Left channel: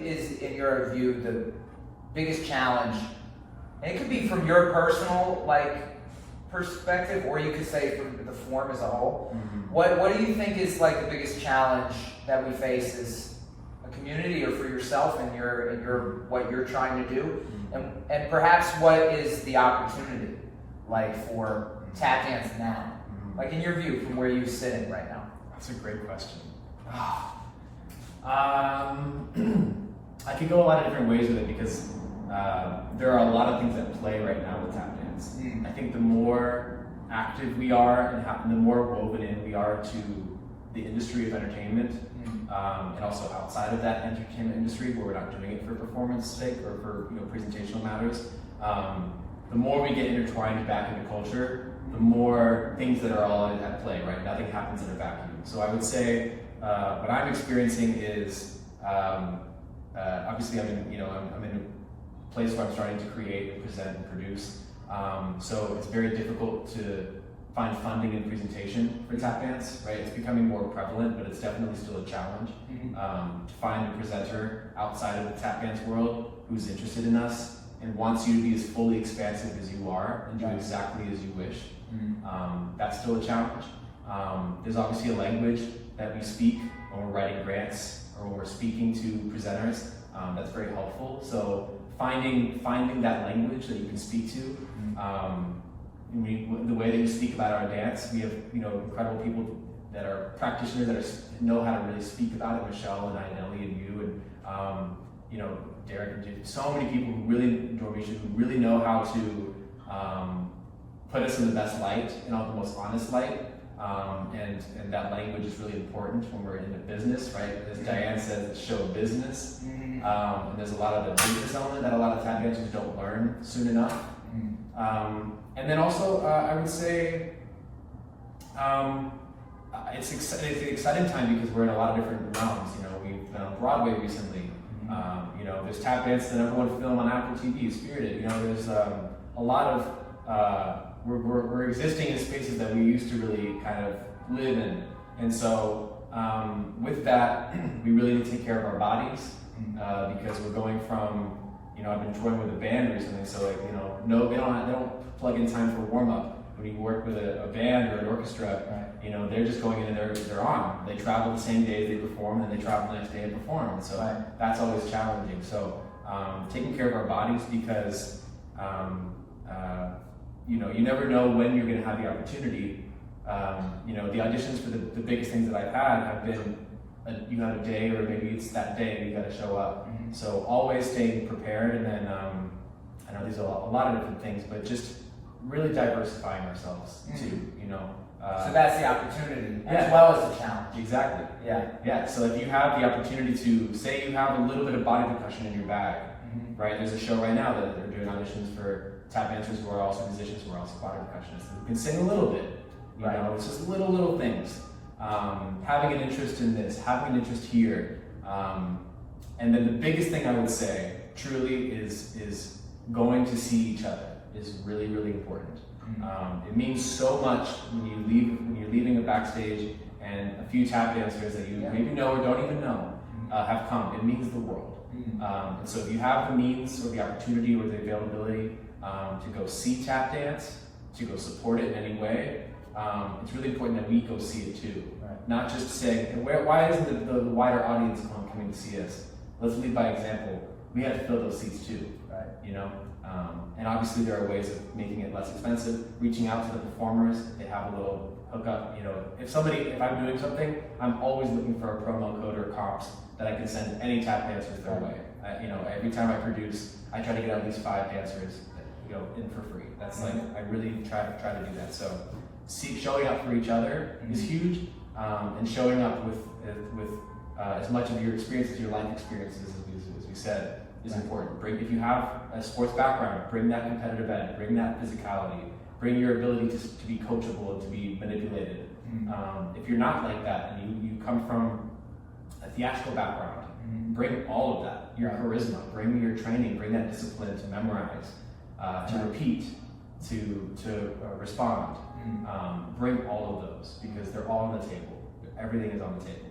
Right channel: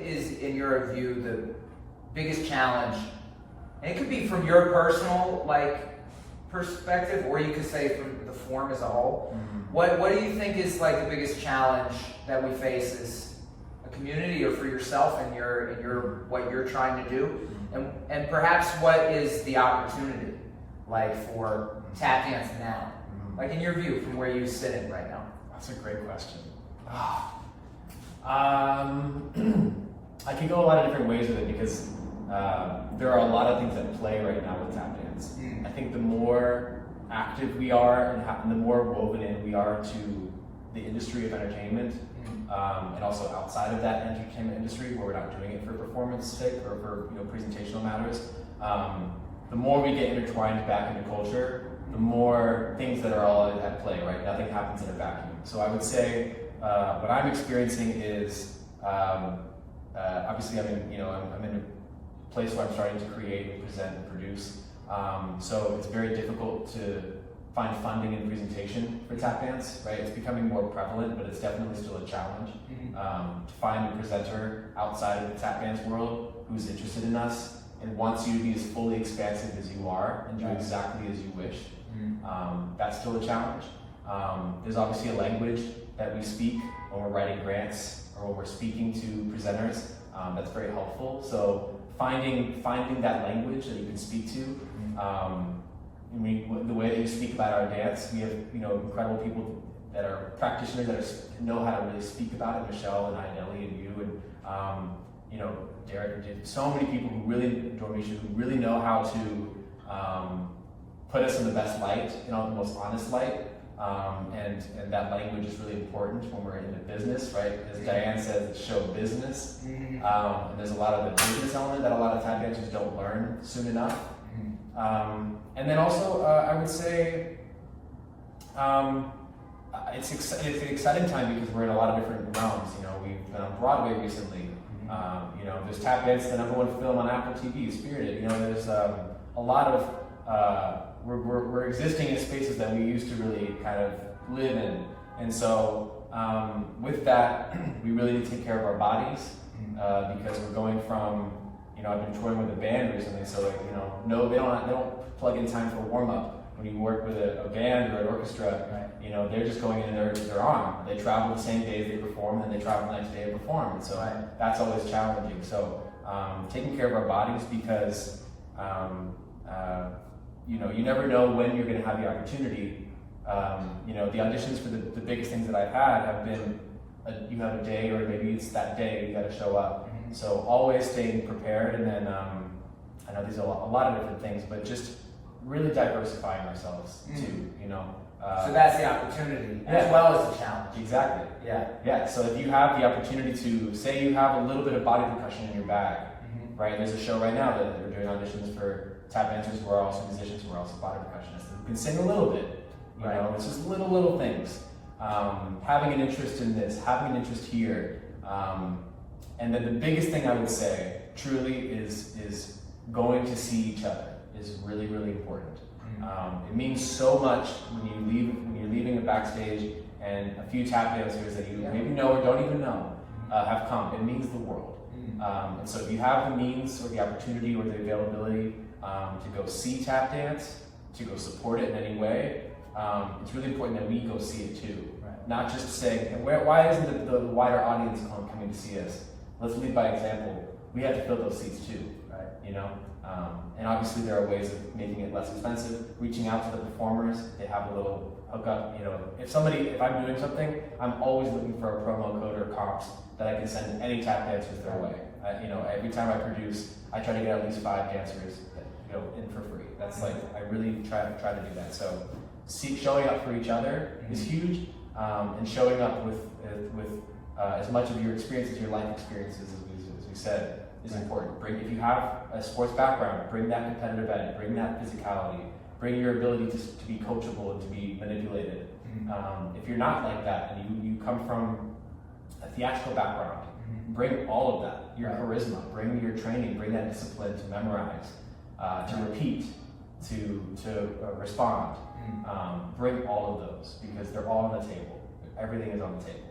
is, in your view, the biggest challenge? And it could be from your personal perspective, or you could say from the form as a whole. Mm-hmm. What do you think is the biggest challenge that we face as a community, or for yourself and your what you're trying to do, and perhaps what is the opportunity for tap dance now, in your view, from where you're sitting right now? That's a great question. I could go a lot of different ways with it because there are a lot of things at play right now with tap dance. I think the more active we are and the more woven in we are to the industry of entertainment, and also outside of that entertainment industry where we're not doing it for performance sake or for presentational matters, the more we get intertwined back into culture, the more things that are all at play, right? Nothing happens in a vacuum. So I would say what I'm experiencing is obviously I'm in a place where I'm starting to create and present and produce. So it's very difficult to find funding and presentation for tap dance, right? It's becoming more prevalent, but it's definitely still a challenge to find a presenter outside of the tap dance world who's interested in us and wants you to be as fully expansive as you are and do exactly as you wish. That's still a challenge. There's obviously a language that we speak when we're writing grants or when we're speaking to presenters. That's very helpful. So finding that language that you can speak to. The way that you speak about our dance, we have incredible people that are practitioners that know how to really speak about it. Michelle and Idelli and you and Derek, so many people who really, Dormisha, who really know how to put us in the best light, the most honest light. And that language is really important when we're in the business, right? As Diane said, it's show business. And there's a lot of the business element that a lot of tap dancers don't learn soon enough. And then also, I would say it's an exciting time because we're in a lot of different realms. We've been on Broadway recently. There's tap dance, the #1 film on Apple TV, Spirited. There's a lot of we're existing in spaces that we used to really kind of live in, and so with that, we really need to take care of our bodies because we're going from I've been touring with a band recently, so they don't plug in time for warm up. When you work with a band or an orchestra, they're just going in and they're on. They travel the same day they perform, and they travel the next day to perform, and so that's always challenging. So taking care of our bodies because you never know when you're going to have the opportunity. The auditions for the biggest things that I've had have been you have a day, or maybe it's that day you got to show up. So always staying prepared, and then I know these are a lot of different things, but just really diversifying ourselves too. So that's the opportunity as well as the challenge. Exactly. Yeah. So if you have the opportunity to say you have a little bit of body percussion in your bag, right? There's a show right now that they're doing auditions for tap dancers who are also musicians, who are also body percussionists. You can sing a little bit. It's just little things. Having an interest in this, having an interest here, and then the biggest thing I would say, truly, is going to see each other is really, really important. It means so much when you're leaving a backstage and a few tap dancers that you maybe know or don't even know have come. It means the world. And so if you have the means or the opportunity or the availability to go see tap dance, to go support it in any way, it's really important that we go see it too. Not just say, why isn't the wider audience coming to see us? Let's lead by example. We have to fill those seats too, and obviously there are ways of making it less expensive, reaching out to the performers. They have a little hookup. If I'm doing something, I'm always looking for a promo code or comps that I can send to any tap dancers their way. Every time I produce, I try to get at least 5 dancers in for free. That's I really try to do that. So showing up for each other is huge, and showing up with as much of your experience as your life experiences, as we said, is important. If you have a sports background, bring that competitive edge, bring that physicality, bring your ability to be coachable and to be manipulated. If you're not like that and you come from a theatrical background, bring all of that, your charisma, bring your training, bring that discipline to memorize, to repeat, to respond. Bring all of those because they're all on the table. Everything is on the table.